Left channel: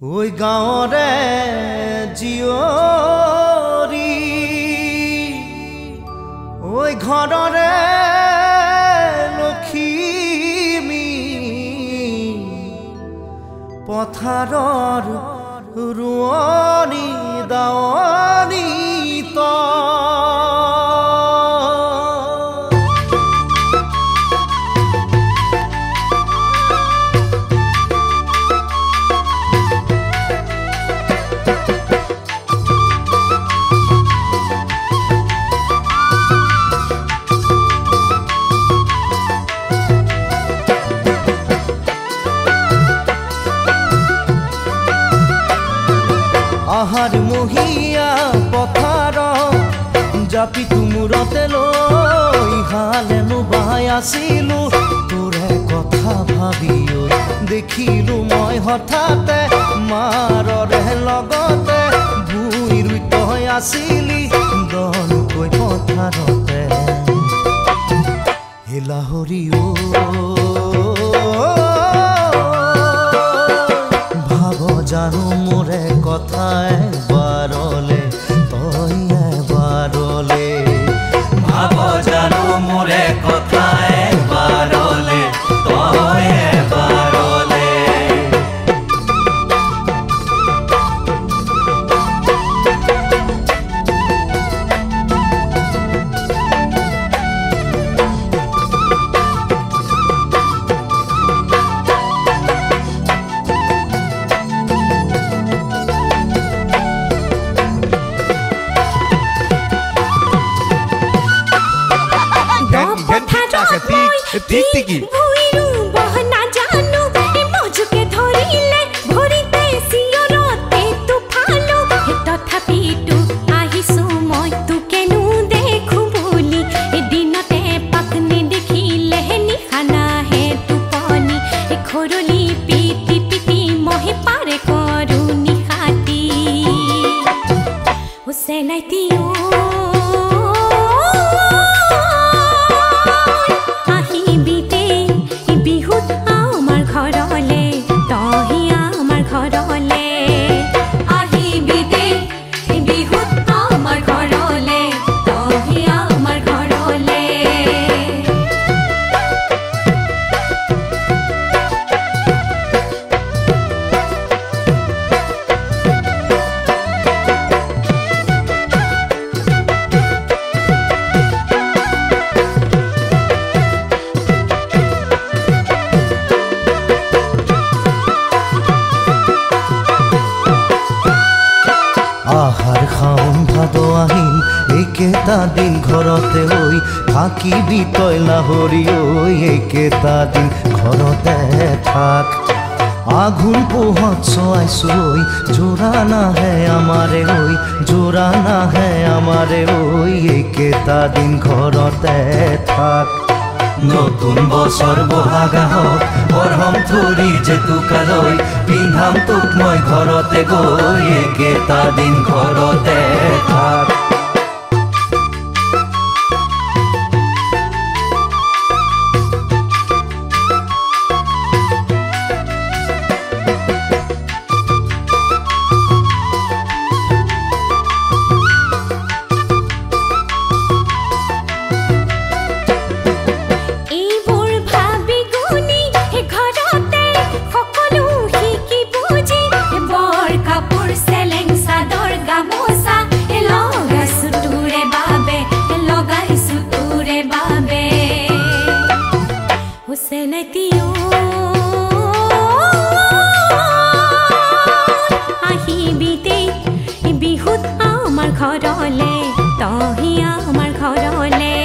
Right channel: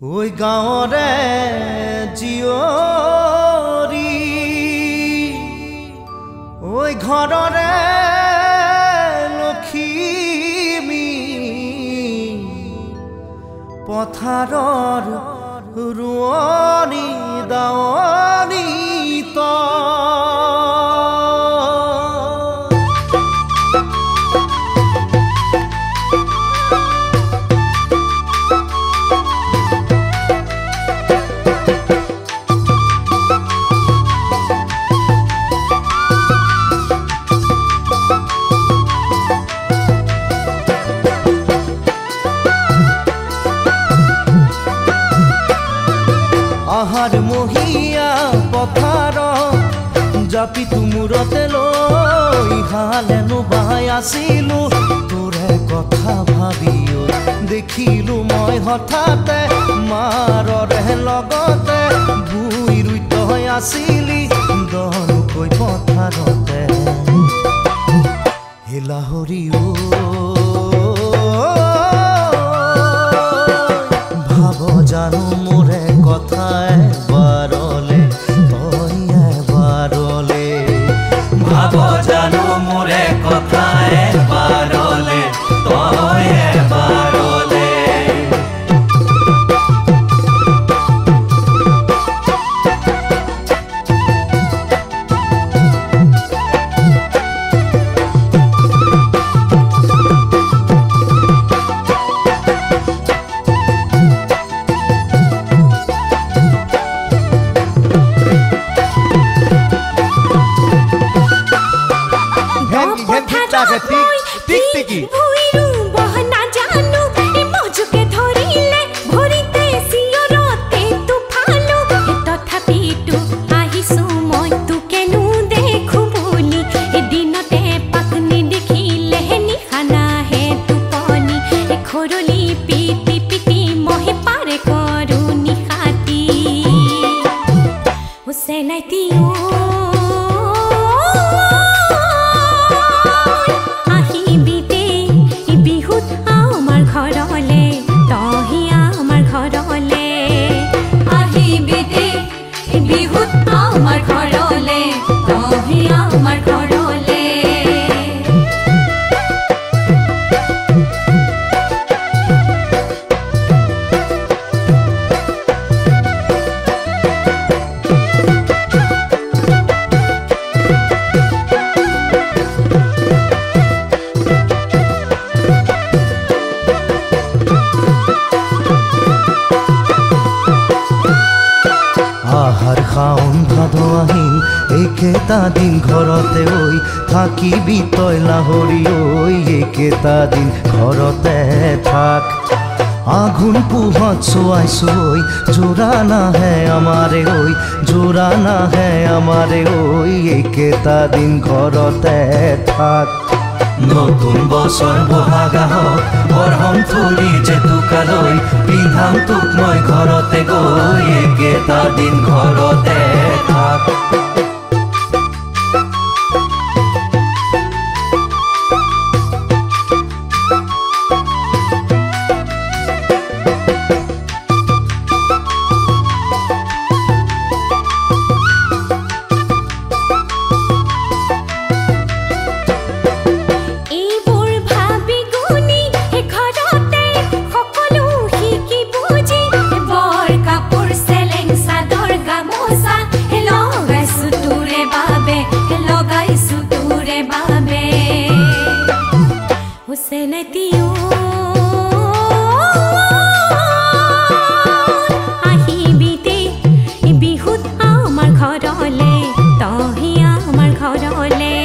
ওই গাঁৱৰে জীয়ৰী ওই ঘৰৰে লখিমী পথাৰৰ ৰোৱনী দাৱনী আহাৰ মহিয়া পথাৰ জাপি তুমূৰতে লৈ হালেনো বাই আছিলো তোৰে কথা ভাবি দেখিলো মই হঠাতে মাৰৰে লগতে ভুই ৰুই তই আছিলি দনুকৈ পথাৰতে হেলাহৰি ভাব জানো মোৰে কথা এবাৰলে তই এবাৰলে ভাব জানো মোৰে কথা এবাৰলে তই এবাৰলে ভুইৰু বহনা জানো মজুকে ধৰিলে ভৰিতে চিঞৰতে তুফালো তথাপিতো আহিছো মই তোকেনো দেখো বুলি এদিনতে পাকনি দেখিলে নিশানা হে টোপনি খৰলি পিটি পিটি মহে পাৰে কৰো নিশাতি হুছেনাইতিও বিহুত আমাৰ ঘৰলে তহি আমাৰ ঘৰলে আহিবি দে বিহুত আমাৰ ঘৰলে তহি আমাৰ ঘৰলে আহাৰ শাওন ভাদ আহিল এইকেইটা দিন ঘৰতে হৈ থাকিবি তই লাভৰি ঐ এইকেইটা দিন ঘৰতে থাক আঘোণ পুহত চোৱাইছো ঐ জোৰা নাহে আমাৰে হৈ জোৰা নাহে আমাৰে ঐ এইকেইটা দিন ঘৰতে থাক নতুন বছৰ বহাগা হওক বৰহম থৰি জেতুকালৈ পিন্ধাম তোক মই ঘৰতে গৈ একেটা দিন ঘৰতে থাক হুছেনাইতিও আহিবি দে বিহুত আমাৰ ঘৰলে তহি আমাৰ ঘৰলে